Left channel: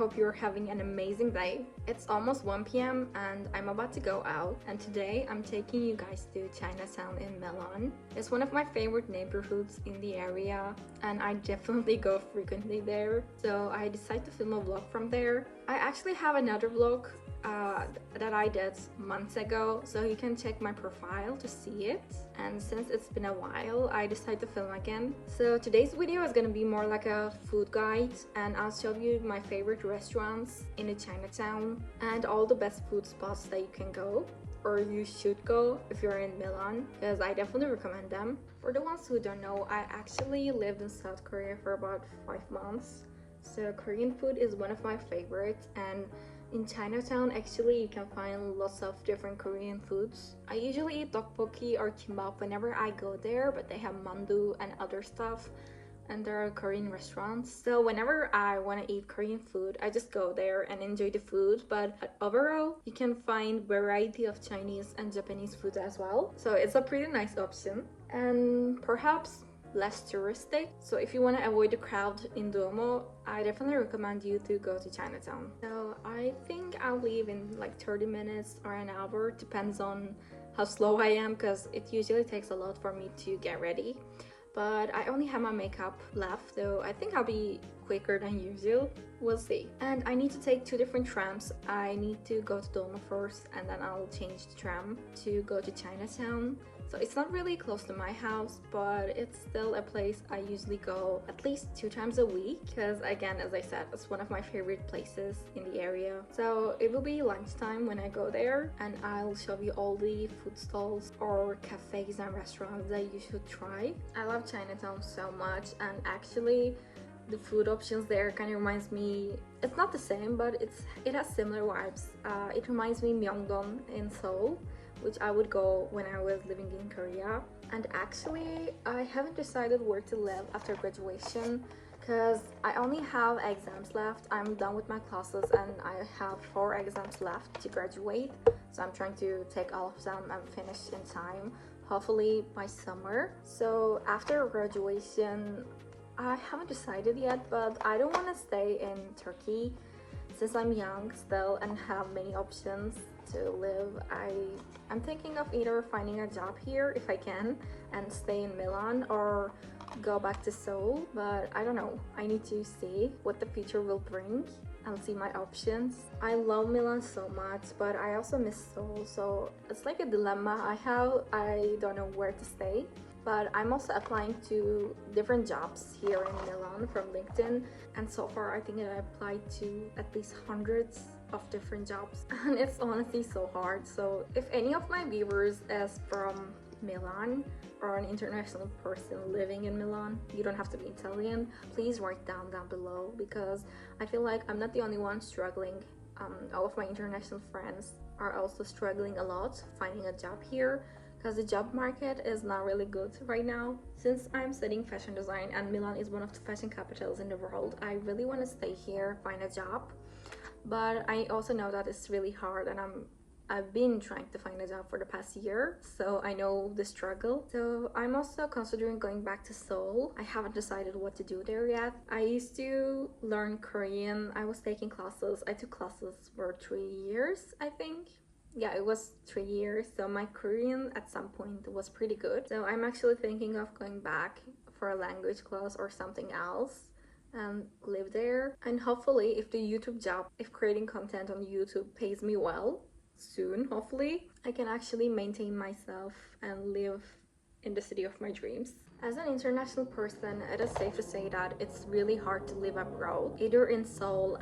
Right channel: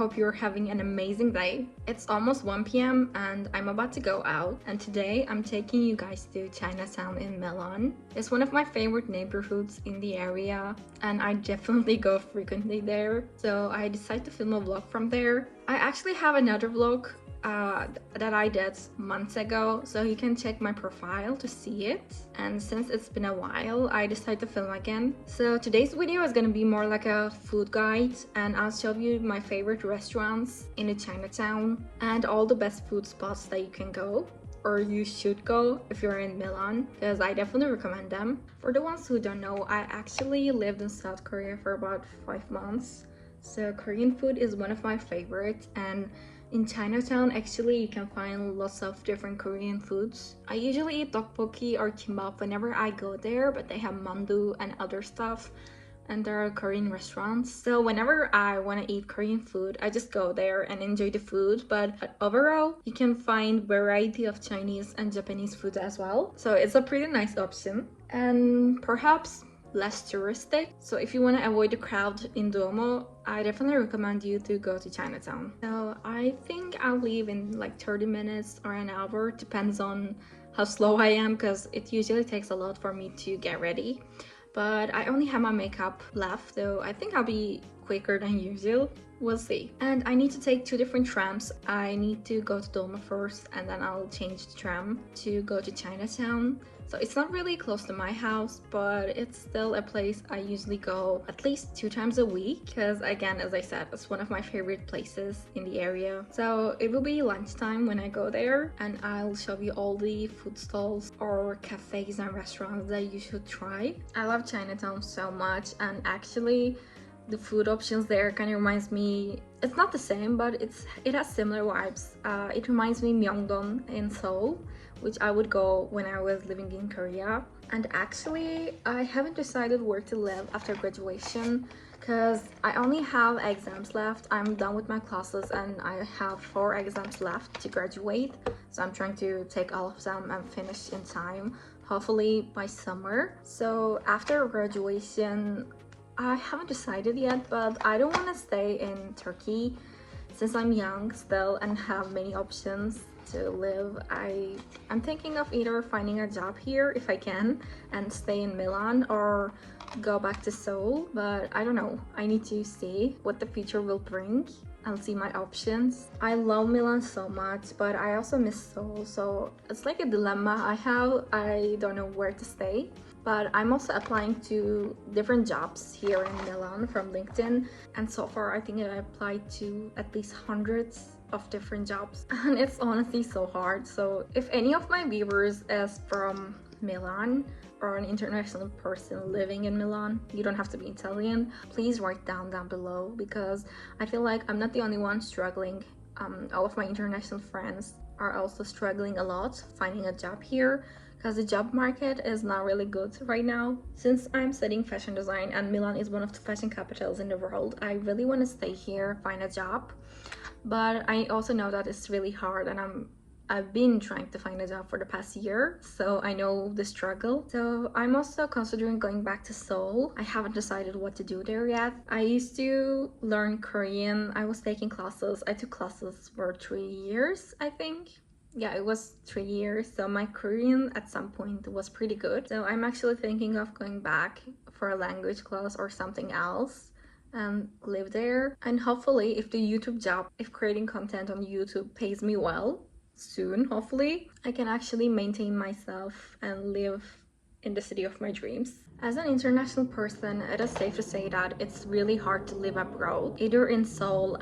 hope you're having an amazing day. It's almost 1 p.m. and I'm about to go out, and today I'm taking you guys to Chinatown in Milan. It's one of my favorite neighborhoods in the area and I definitely go frequently there, so I decided to film a vlog from there. I actually have another vlog that I did months ago, so you can check my profile to see it. And since it's been a while, I decided to film again. So today's video is gonna be more like a food guide, and I'll show you my favorite restaurants in the Chinatown and all the best food spots that you can go, or you should go if you're in Milan, because I definitely recommend them. For the ones who don't know, I actually lived in South Korea for about 5 months, so Korean food is one of my favorites, and in Chinatown, actually, you can find lots of different Korean foods. I usually eat tteokbokki or kimbap whenever I go there, but they have mandu and other stuff, and there are Korean restaurants. So whenever I want to eat Korean food, I just go there and enjoy the food. But overall, you can find variety of Chinese and Japanese food as well. So it's a pretty nice option, and perhaps less touristic. So if you want to avoid the crowd in Duomo, I definitely recommend you to go to Chinatown. So I think I'll leave in like 30 minutes or an hour, depends on how slow I am, because it usually takes a lot for me to get ready. But I only have my makeup left, so I think I'll be quicker than usual. We'll see. And I need to take 2 different trams. I need to go to Duomo first, and then I'll change the tram to go to Chinatown. So it's not really close to my house, but it's still a place I usually go at least 2 times a week, because again, as I said, it's one of my favorite places in the area. So it will be lunchtime when I go there, and I'll show you all the food stalls or cafes and restaurants that you should try. I love Chinatown so much, and actually the food options there kind of reminds me, it's not the same, but it has similar vibes. It reminds me Myeongdong in Seoul, which I would go when I was living in Korea. And actually, I haven't decided where to live after graduation, because I only have exams left. I'm done with my classes and I have 4 exams left to graduate, so I'm trying to take all of them and finish in time, hopefully by summer. So after graduation, I haven't decided yet, but I don't want to stay in Turkey since I'm young still and have many options to live. I'm thinking of either finding a job here if I can and stay in Milan, or go back to Seoul, but I don't know. I need to see what the future will bring. I'll see my options. I love Milan so much, but I also miss Seoul, so it's like a dilemma I have. I don't know where to stay. But I'm also applying to different jobs here in Milan from LinkedIn, and so far I think I applied to at least hundreds of different jobs, and it's honestly so hard. So if any of my viewers is from Milan or an international person living in Milan, you don't have to be Italian, please write down below, because I feel like I'm not the only one struggling. All of my international friends are also struggling a lot finding a job here, because the job market is not really good right now. Since I'm studying fashion design and Milan is one of the fashion capitals in the world, I really want to stay here, find a job. But I also know that it's really hard, and I've been trying to find a job for the past year, so I know the struggle. So I'm also considering going back to Seoul. I haven't decided what to do there yet. I used to learn Korean. I was taking classes. I took classes for 3 years, I think. Yeah, it was 3 years, so my Korean at some point was pretty good. So I'm actually thinking of going back for a language class or something else and live there. And hopefully, if the YouTube job, if creating content on YouTube pays me well soon, hopefully, I can actually maintain myself and live in the city of my dreams. As an international person, it is safe to say that it's really hard to live abroad, either in Seoul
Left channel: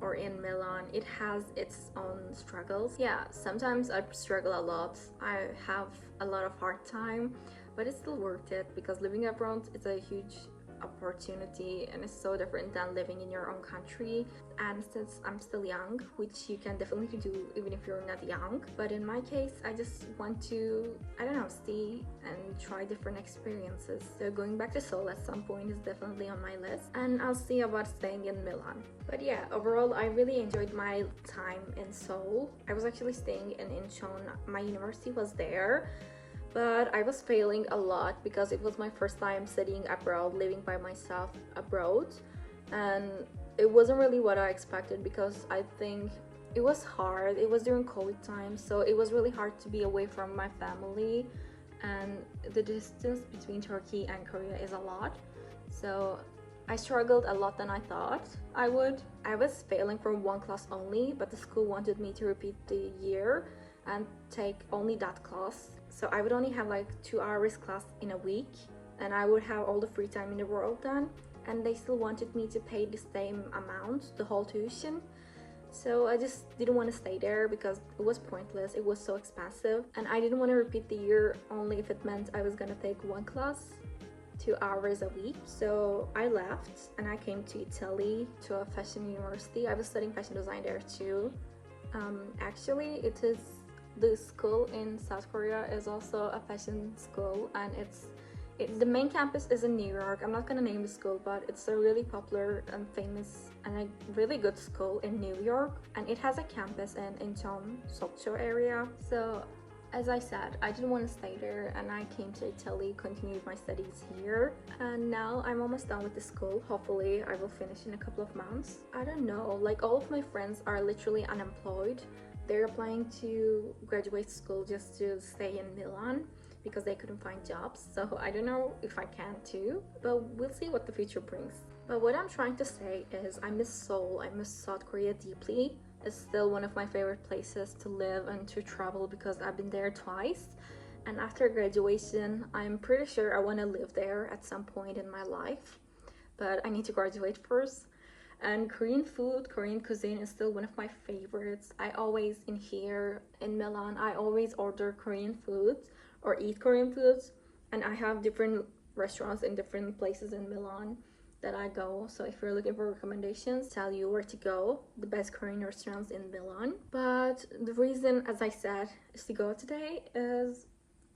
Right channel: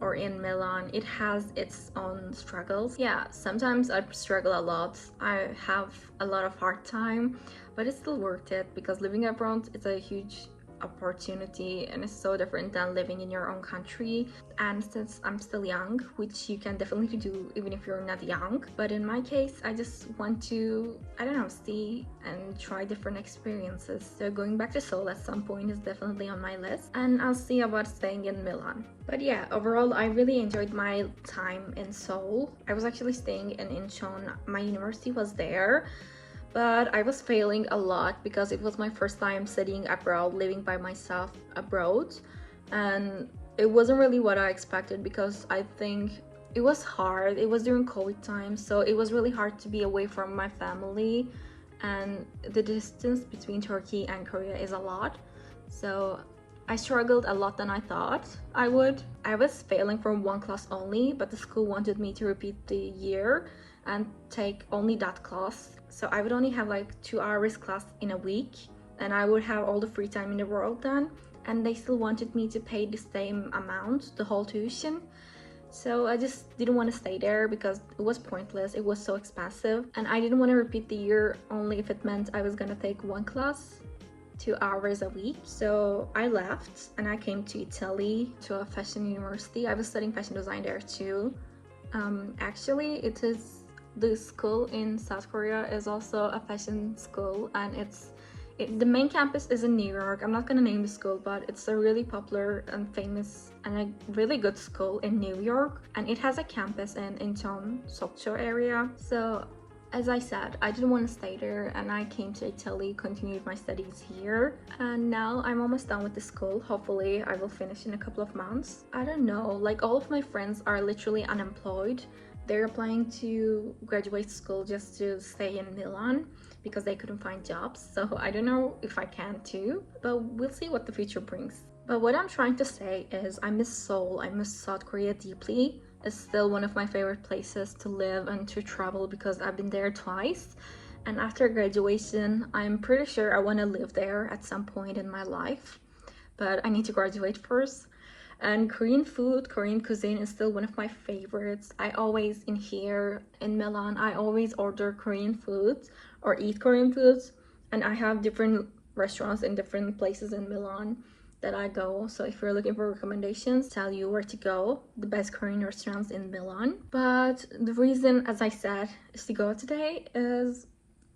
or in Milan. It has its own struggles. Yeah, sometimes I struggle a lot. I have a lot of hard time, but it's still worth it, because living abroad is a huge opportunity and it's so different than living in your own country. And since I'm still young, which you can definitely do even if you're not young, but in my case I just want to, I don't know, see and try different experiences. So going back to Seoul at some point is definitely on my list, and I'll see about staying in Milan. But yeah, overall I really enjoyed my time in Seoul. I was actually staying in Incheon. My university was there, but I was failing a lot because it was my first time studying abroad, living by myself abroad, and it wasn't really what I expected because I think it was hard. It was during COVID time, so it was really hard to be away from my family, and the distance between Turkey and Korea is a lot. So I struggled a lot than I thought I would. I was failing from one class only, but the school wanted me to repeat the year and take only that class. So I would only have like 2 hours class in a week, and I would have all the free time in the world then. And they still wanted me to pay the same amount, the whole tuition. So I just didn't want to stay there because it was pointless. It was so expensive, and I didn't want to repeat the year only if it meant I was gonna take one class 2 hours a week. So I left and I came to Italy to a fashion university. I was studying fashion design there too. Actually, it is the school in South Korea is also a fashion school, and the main campus is in New York. I'm not gonna name the school, but it's a really popular and famous and a really good school in New York, and it has a campus in Incheon, Sokcho area. So as I said, I didn't want to stay there, and I came to Italy, continued my studies here, and now I'm almost done with the school. Hopefully I will finish in a couple of months. I don't know, like all of my friends are literally unemployed. They're applying to graduate school just to stay in Milan because they couldn't find jobs. So I don't know if I can too, but we'll see what the future brings. But what I'm trying to say is I miss Seoul, I miss South Korea deeply. It's still one of my favorite places to live and to travel because I've been there twice. And after graduation, I'm pretty sure I want to live there at some point in my life. But I need to graduate first. And Korean food, Korean cuisine is still one of my favorites. I always, in here in Milan, I always order Korean foods or eat Korean foods. And I have different restaurants in different places in Milan that I go. So if you're looking for recommendations, tell you where to go, the best Korean restaurants in Milan. But the reason, as I said, is to go today is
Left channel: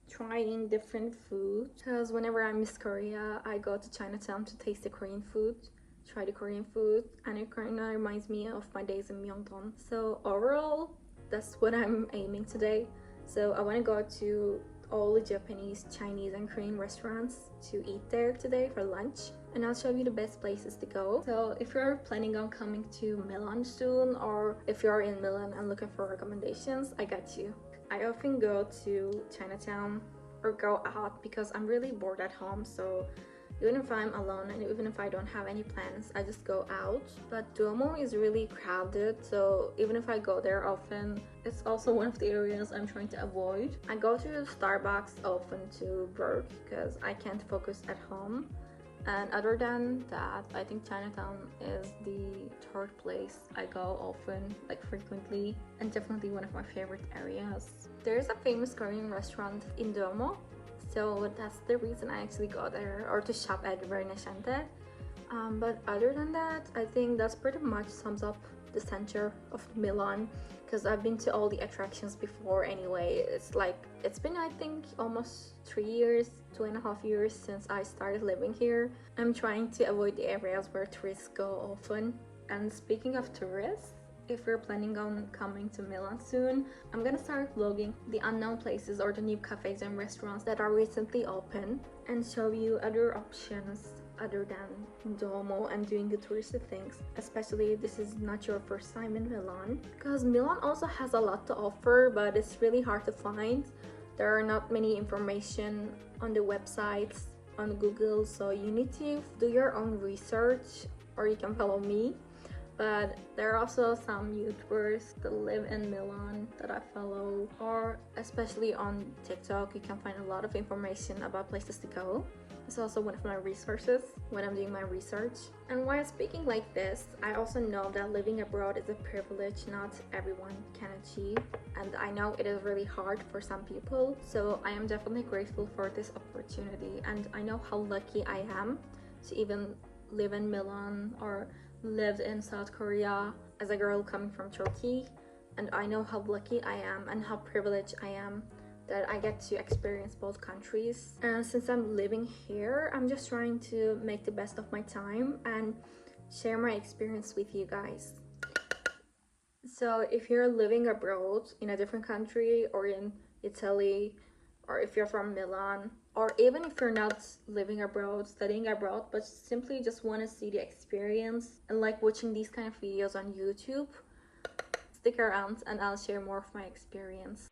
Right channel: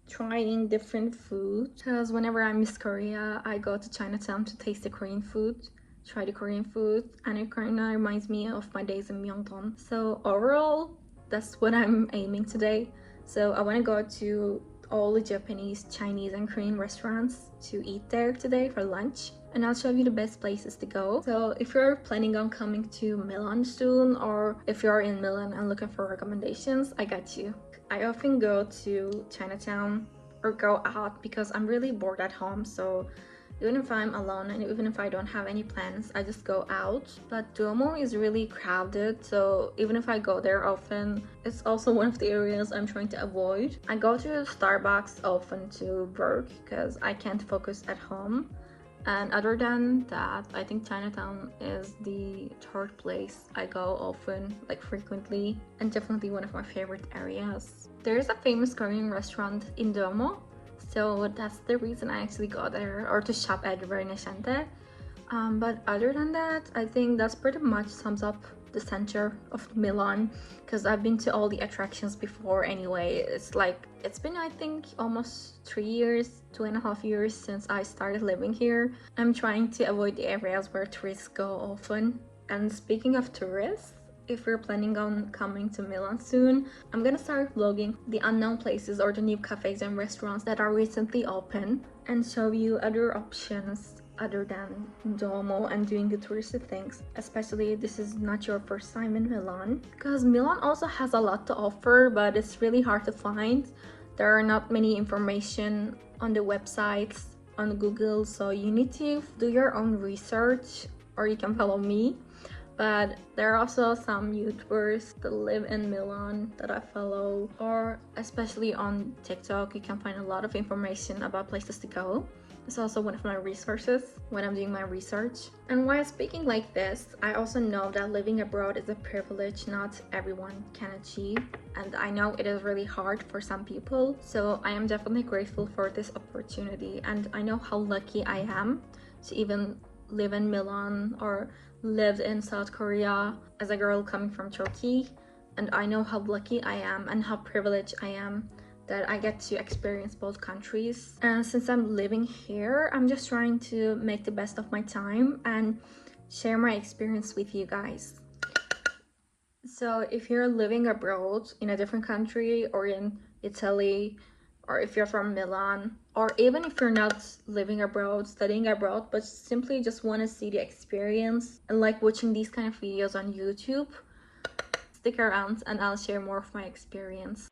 trying different food, because whenever I miss Korea, I go to Chinatown to taste the Korean food, try the Korean food, and it kind of reminds me of my days in Myeongdong. So overall, that's what I'm aiming today. So I want to go to all the Japanese, Chinese, and Korean restaurants to eat there today for lunch, and I'll show you the best places to go. So if you're planning on coming to Milan soon, or if you're in Milan and looking for recommendations, I got you. I often go to Chinatown or go out because I'm really bored at home, so even if I'm alone and even if I don't have any plans, I just go out. But Duomo is really crowded, so even if I go there often, it's also one of the areas I'm trying to avoid. I go to Starbucks often to work because I can't focus at home. And other than that, I think Chinatown is the third place I go often, like frequently, and definitely one of my favorite areas. There's a famous Korean restaurant in Duomo, so that's the reason I actually go there, or to shop at Verneshante. But other than that, I think that's pretty much sums up the center of Milan, because I've been to all the attractions before anyway. It's been, I think, almost 3 years, 2.5 years since I started living here. I'm trying to avoid the areas where tourists go often. And speaking of tourists, if you're planning on coming to Milan soon, I'm gonna start vlogging the unknown places or the new cafes and restaurants that are recently open, and show you other options other than Duomo and doing the touristy things, especially if this is not your first time in Milan, because Milan also has a lot to offer, but it's really hard to find. There are not many information on the websites, on Google, so you need to do your own research, or you can follow me. But there are also some YouTubers that live in Milan that I follow, or especially on TikTok, you can find a lot of information about places to go. It's also one of my resources when I'm doing my research. And while speaking like this, I also know that living abroad is a privilege not everyone can achieve, and I know it is really hard for some people. So I am definitely grateful for this opportunity, and I know how lucky I am to even live in Milan or lived in South Korea as a girl coming from Turkey. And I know how lucky I am and how privileged I am that I get to experience both countries. And since I'm living here, I'm just trying to make the best of my time and share my experience with you guys. So if you're living abroad in a different country, or in Italy or if you're from Milan, or even if you're not living abroad, studying abroad, but simply just want to see the experience and like watching these kind of videos on YouTube, stick around and I'll share more of my experience.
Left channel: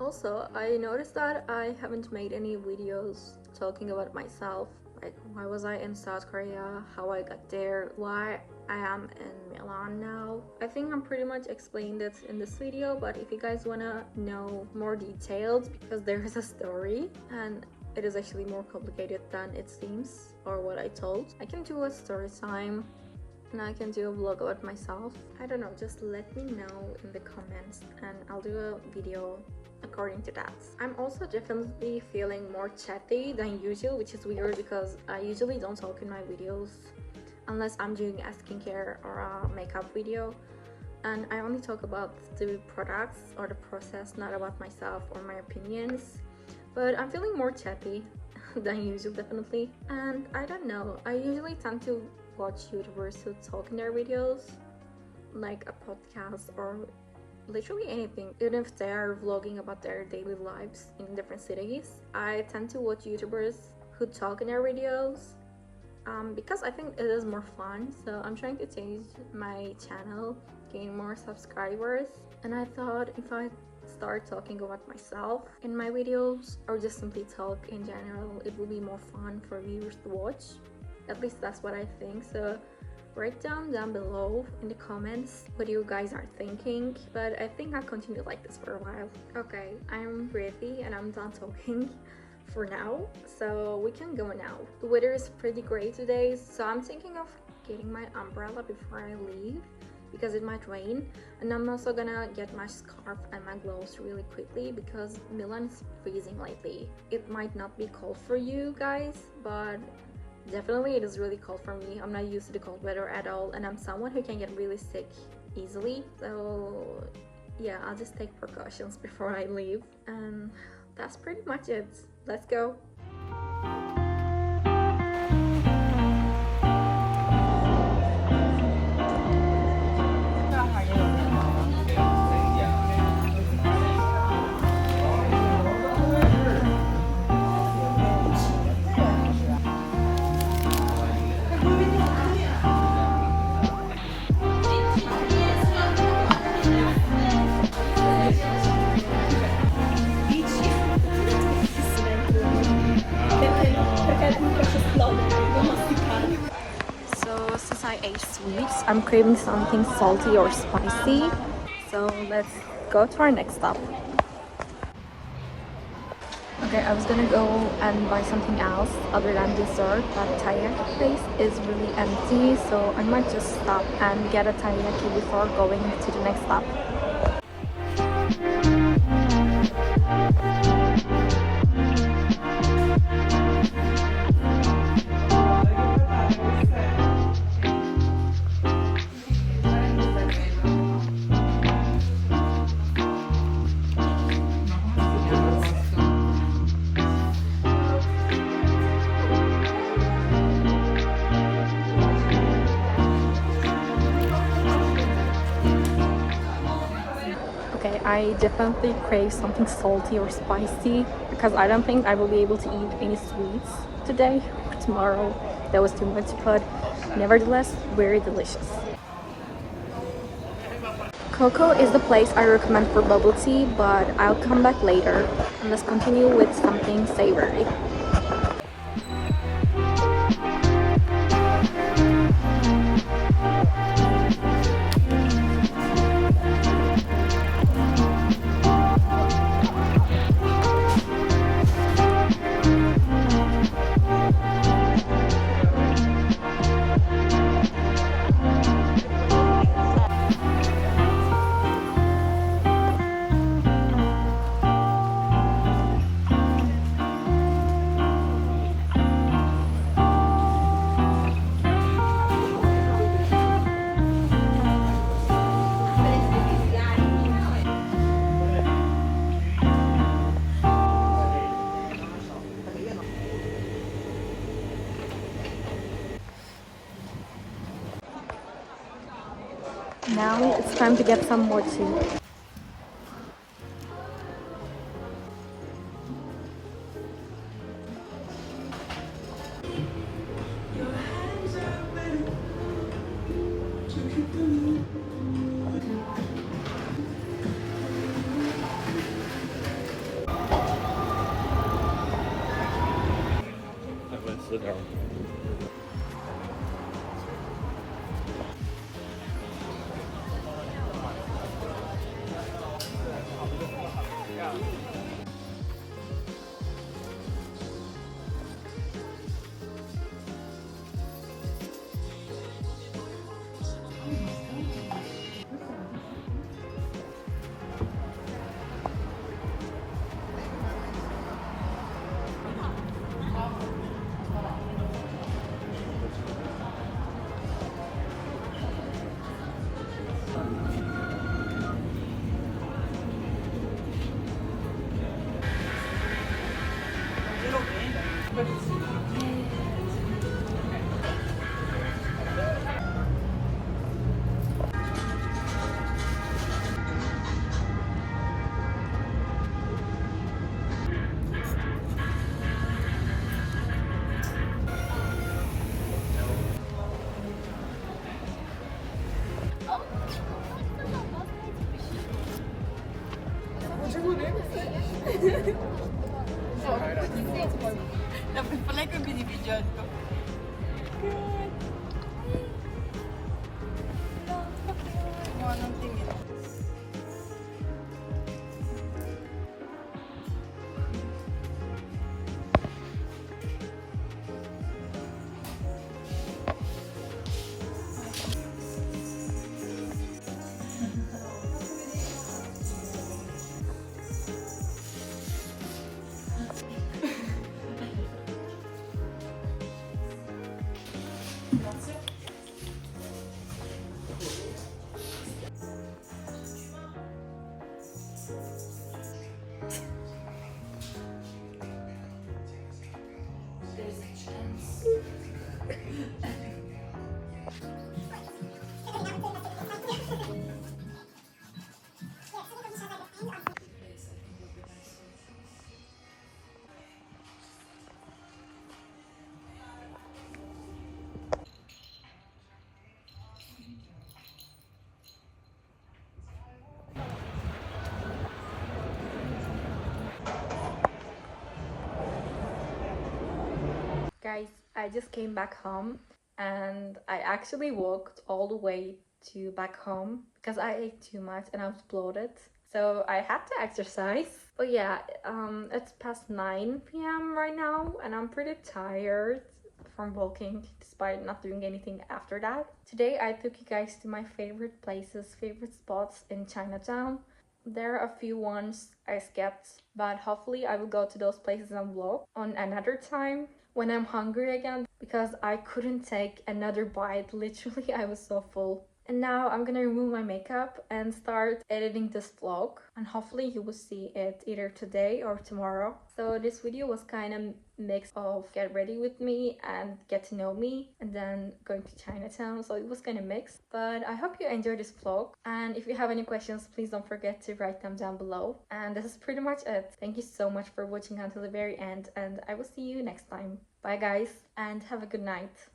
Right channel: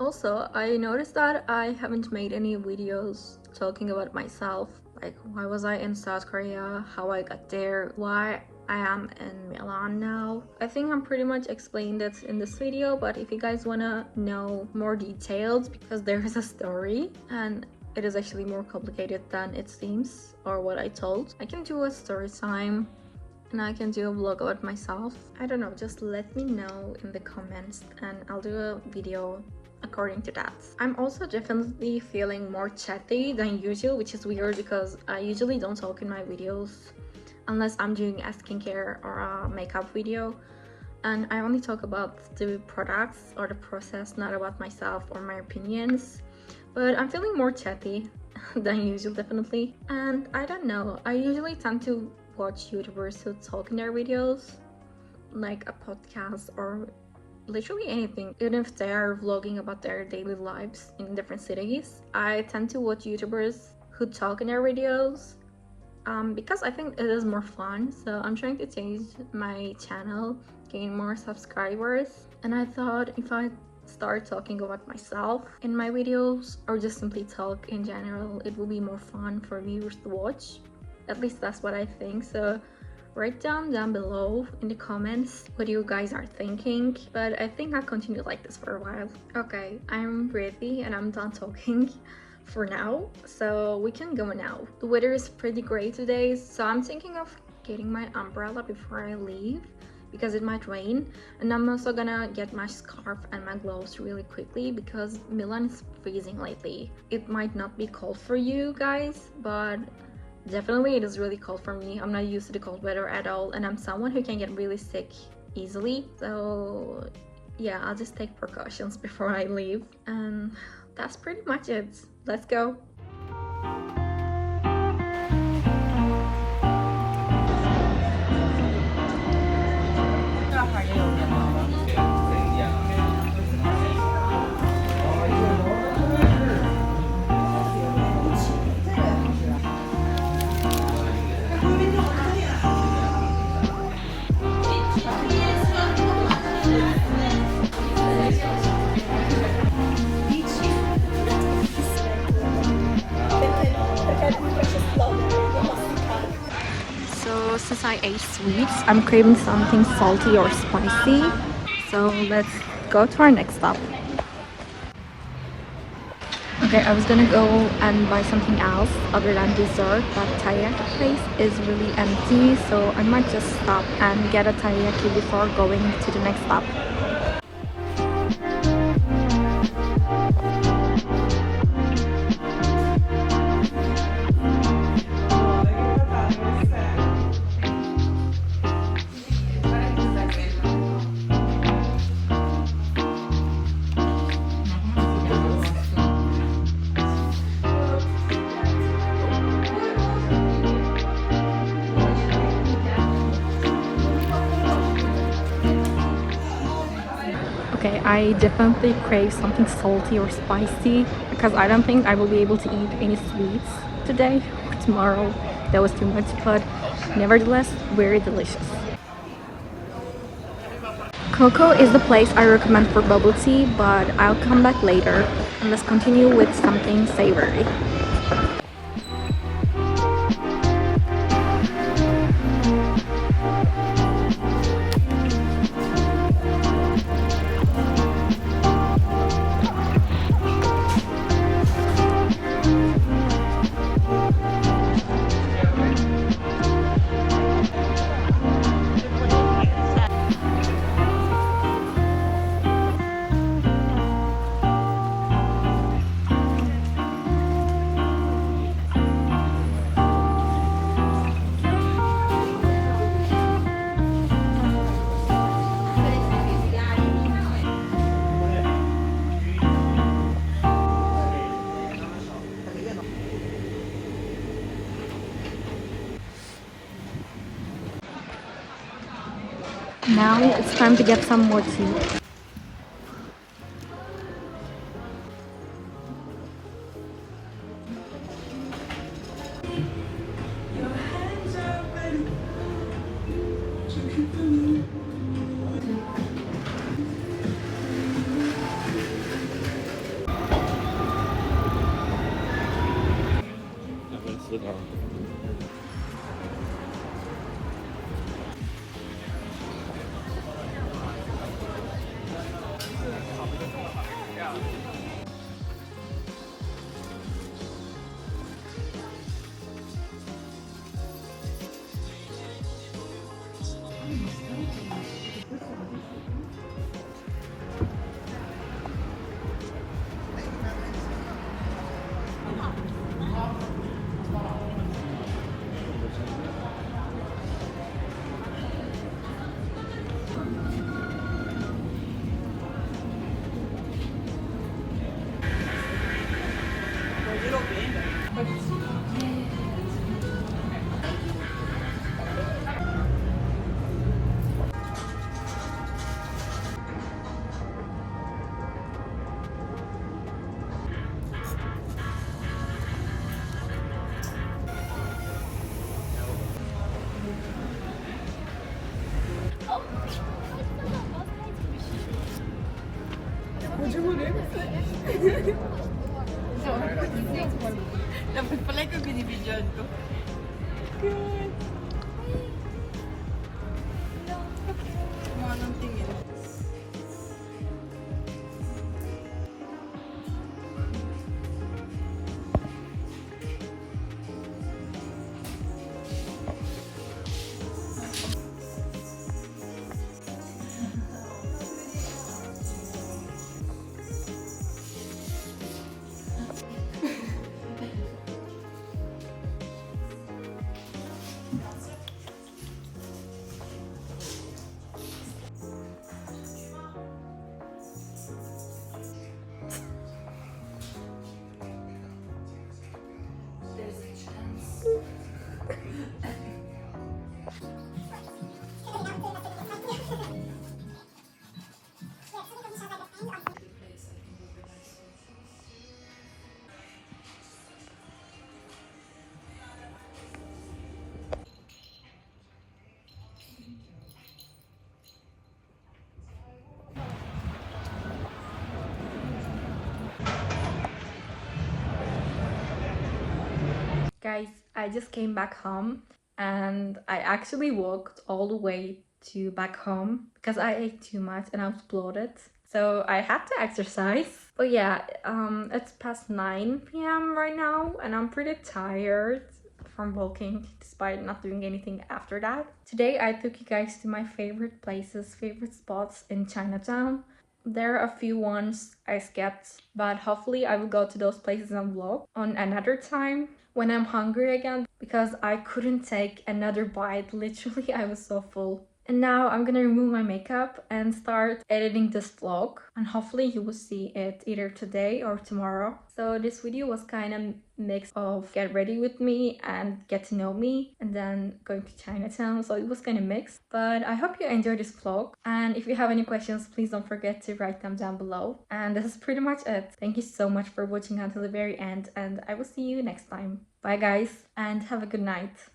Also, I noticed that I haven't made any videos talking about myself, like why was I in South Korea, how I got there, why I am in Milan now. I think I'm pretty much explained it in this video, but if you guys wanna know more details, because there is a story and it is actually more complicated than it seems or what I told, I can do a story time and I can do a vlog about myself. I don't know, just let me know in the comments and I'll do a video according to that. I'm also definitely feeling more chatty than usual, which is weird because I usually don't talk in my videos unless I'm doing a skincare or a makeup video, and I only talk about the products or the process, not about myself or my opinions. But I'm feeling more chatty than usual, definitely. And I don't know, I usually tend to watch YouTubers who talk in their videos, like a podcast or literally anything, even if they are vlogging about their daily lives in different cities. I tend to watch YouTubers who talk in their videos because I think it is more fun. So I'm trying to change my channel, gain more subscribers, and I thought if I start talking about myself in my videos or just simply talk in general, it will be more fun for viewers to watch. At least that's what I think. So write down below in the comments what you guys are thinking, but I think I'll continue like this for a while. Okay, I'm ready and I'm done talking for now, so we can go now. The weather is pretty great today, so I'm thinking of getting my umbrella before I leave because it might rain, and I'm also gonna get my scarf and my gloves really quickly because Milan is freezing lately. It might not be cold for you guys, but definitely it is really cold for me. I'm not used to the cold weather at all, and I'm someone who can get really sick easily. So yeah, I'll just take precautions before I leave, and that's pretty much it. Let's go. Since I ate sweets, I'm craving something salty or spicy. So let's go to our next stop. Okay, I was gonna go and buy something else other than dessert, but teriyaki place is really empty, so I might just stop and get a teriyaki before going to the next stop. Okay, I definitely crave something salty or spicy because I don't think I will be able to eat any sweets today or tomorrow. That was too much, but nevertheless, very delicious. Coco is the place I recommend for bubble tea, but I'll come back later. And let's continue with something savory. Now it's time to get some more tea. Let's sit down. Nagpipalike ko binibidyon ko. Mga nang tingin. There's a chance. Guys, I just came back home and I actually walked all the way to back home because I ate too much and I was bloated. So I had to exercise. But yeah, it's past 9 p.m. right now and I'm pretty tired from walking despite not doing anything after that. Today I took you guys to my favorite places, favorite spots in Chinatown. There are a few ones I skipped, but hopefully I will go to those places and vlog on another time when I'm hungry again because I couldn't take another bite. Literally, I was so full. And now I'm gonna remove my makeup and start editing this vlog, and hopefully you will see it either today or tomorrow. So this video was kind of mix of get ready with me and get to know me and then going to Chinatown, so it was kind of mixed. But I hope you enjoyed this vlog, and if you have any questions, please don't forget to write them down below. And this is pretty much it. Thank you so much for watching until the very end, and I will see you next time. Bye guys, and have a good night.